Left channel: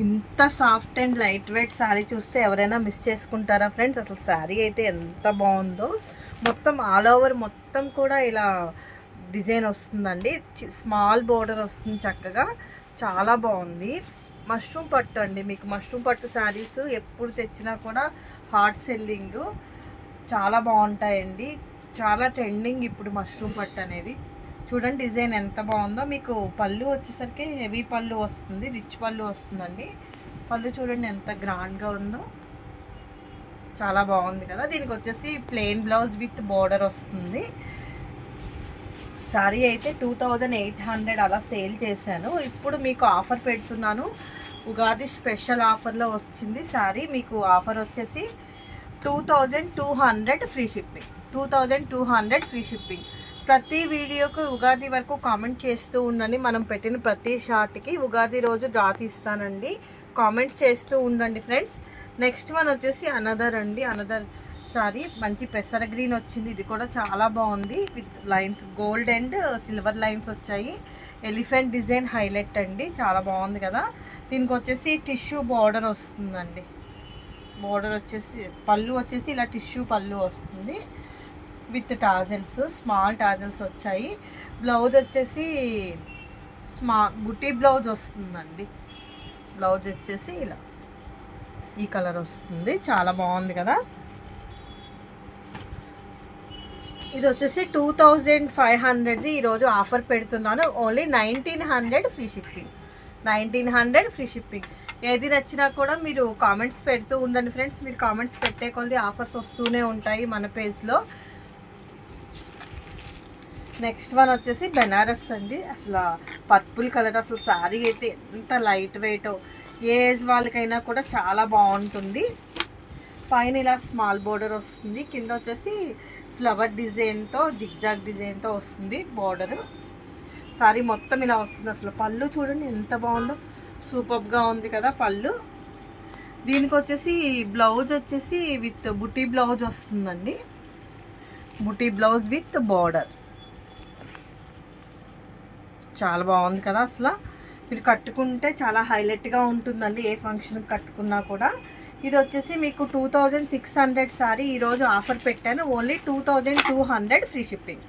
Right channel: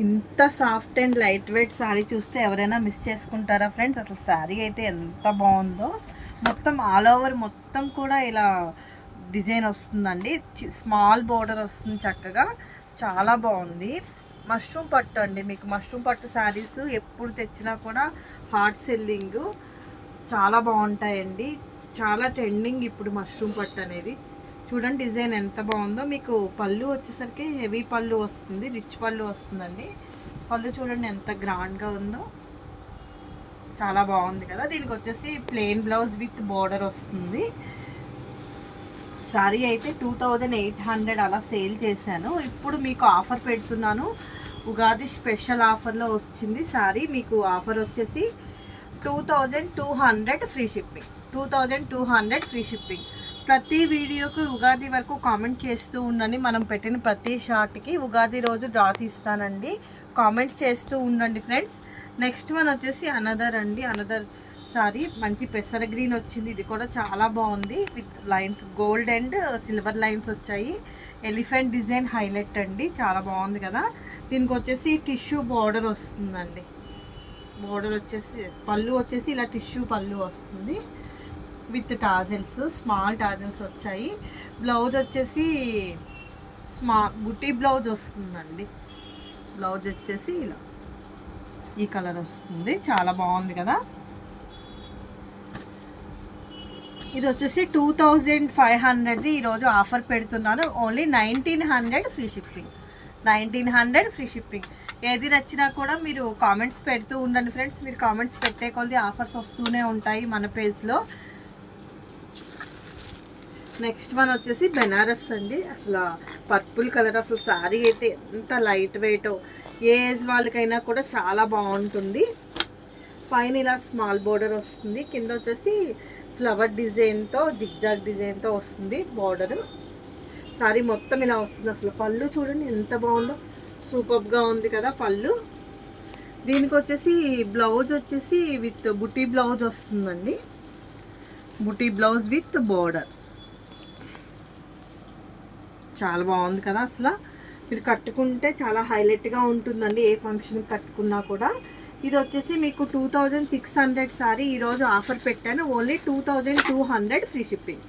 ఇంత soft and light weight sari చూస్తే ఎవరైనా మిస్ చేసుకుంటారా ఫ్రెండ్స్? అసలు శారీ అయితే ఎంత బాగుందో. మొత్తం ఆల్ ఓవర్ మొత్తం కూడా ఇలా డిజైన్ వస్తుందండి. స్మాల్ బోర్డర్ వస్తుంది చక్కగా, చాలా బాగుంది. మష్రూమ్ పట్టు అండి. మీకు మష్రూమ్ పట్టు శారీస్ ఎప్పుడు తెచ్చినా కూడా హాట్ సెల్లింగ్, చాలా బాగుంటాయండి. చాలా ట్రెండింగ్ ఇప్పుడు మష్రూమ్ పట్టు అనేది. చూడండి డిజైన్ ఎంత బాగుందో. మీకు పళ్ళు వచ్చేసరికి హెవీ పళ్ళు వస్తుంది, రిచ్ పళ్ళు వస్తుందండి. పళ్ళు చూడండి ఎంత గ్రాండ్గా ఉందో, చాలా బాగుంది కదా. దీనికి వచ్చేసి ప్లెయిన్ బ్లౌజ్ విత్ బార్డర్ వస్తుంది. సారీ అయితే 2800 అలా సేల్ చేశాను. ఇప్పుడు మీకు ఆఫర్ పెడుతున్నాను. ఉగాది స్పెషల్ ఆఫర్లో వచ్చింది సారీ. మీకు ఆఫర్ వచ్చేసి 2200 ఫ్రీ షిప్పింగ్. 2200 free shipping. ప్రతి వీడియోకి ఉగాది వరకు కామెంట్ చేస్తూ ఉండండి. మనం పెట్టిన ప్రతి షార్ట్కి ఉగాది రోజు డ్రా తీస్తానండి. కామెంట్స్ చేస్తూ ఉండండి ఫ్రెండ్స్. నెక్స్ట్ వన్ వచ్చేసి అనదర్ అండి. అనదర్ సారీ మంచి పెసర గ్రీన్ వచ్చింది. ఇది కూడా చాలా బాగుంది. With lines gold and silver lines వచ్చాయి. ఎలిఫెంట్ డిజైన్ హైలైట్ అండి, చాలా బాగుంది కదా. దీనికి వచ్చేసి టిష్యూ బార్డర్ వస్తుందండి. బార్డర్ వచ్చేసి పళ్ళు వచ్చేసి ఇలా టిష్యూ పళ్ళు వస్తుంది విత్ టాజల్స్, స్మాల్ టాజల్స్ వచ్చాయి. బ్లౌజ్ వచ్చేసి బుటీ బ్లౌజ్ వస్తుందండి. బ్లౌజ్ వచ్చేసి ఇలా ఈ కలర్ వస్తుంది, చాలా బాగుంది కదా. ఇది వచ్చేసి 2500 ఈరోజు ఆఫర్ పెడుతున్నాను. Only 1900 free shipping. 1900 free shipping. ఏది నచ్చినా కూడా మీరు కామెంట్స్ పెడుతూ ఉండండి ఫ్రెండ్స్. మీరు కామెంట్స్ పెట్టే కొద్ది ఆఫర్స్ వస్తూనే ఉంటాయి మన పేజ్లో. నెక్స్ట్ వన్ వచ్చేసి బెనారస్ అండి. అసలు పర్పుల్ కలర్, అసలు శారీ అయితే ఎంత లైట్ వెయిట్, ఏ ఏజ్ వాళ్ళకైనా కూడా చాలా బాగుంటుంది. పైన ఇలా స్మాల్ బోర్డర్ వస్తుంది, కింద వచ్చేసి ఫ్లవర్ డిజైన్తో జిగ్జాగ్ డిజైన్తో వస్తుంది బార్డర్. శారీ మొత్తం ఇలా వస్తుంది. అసలు పళ్ళు చూడండి ఎంత బాగుందో, సూపర్గా ఉంది కదా పళ్ళు. దీనికి వచ్చేసి బ్లౌజ్ వచ్చేసి విత్ బుటీ బ్లౌజ్ వస్తుందండి. బుటీ బ్లౌజ్ విత్ బార్డర్, చాలా బాగుంది కదా. అసలు మీరు కట్టుకుంటే చాలా హైలైట్గా ఉంటుందండి, ఏ ఫంక్షన్కి కట్టుకున్నా కూడా. ఇది వచ్చేసి మీకు 2600 సారీ ఈరోజు ఆఫర్ పెట్టాను. Only 2200 free shipping.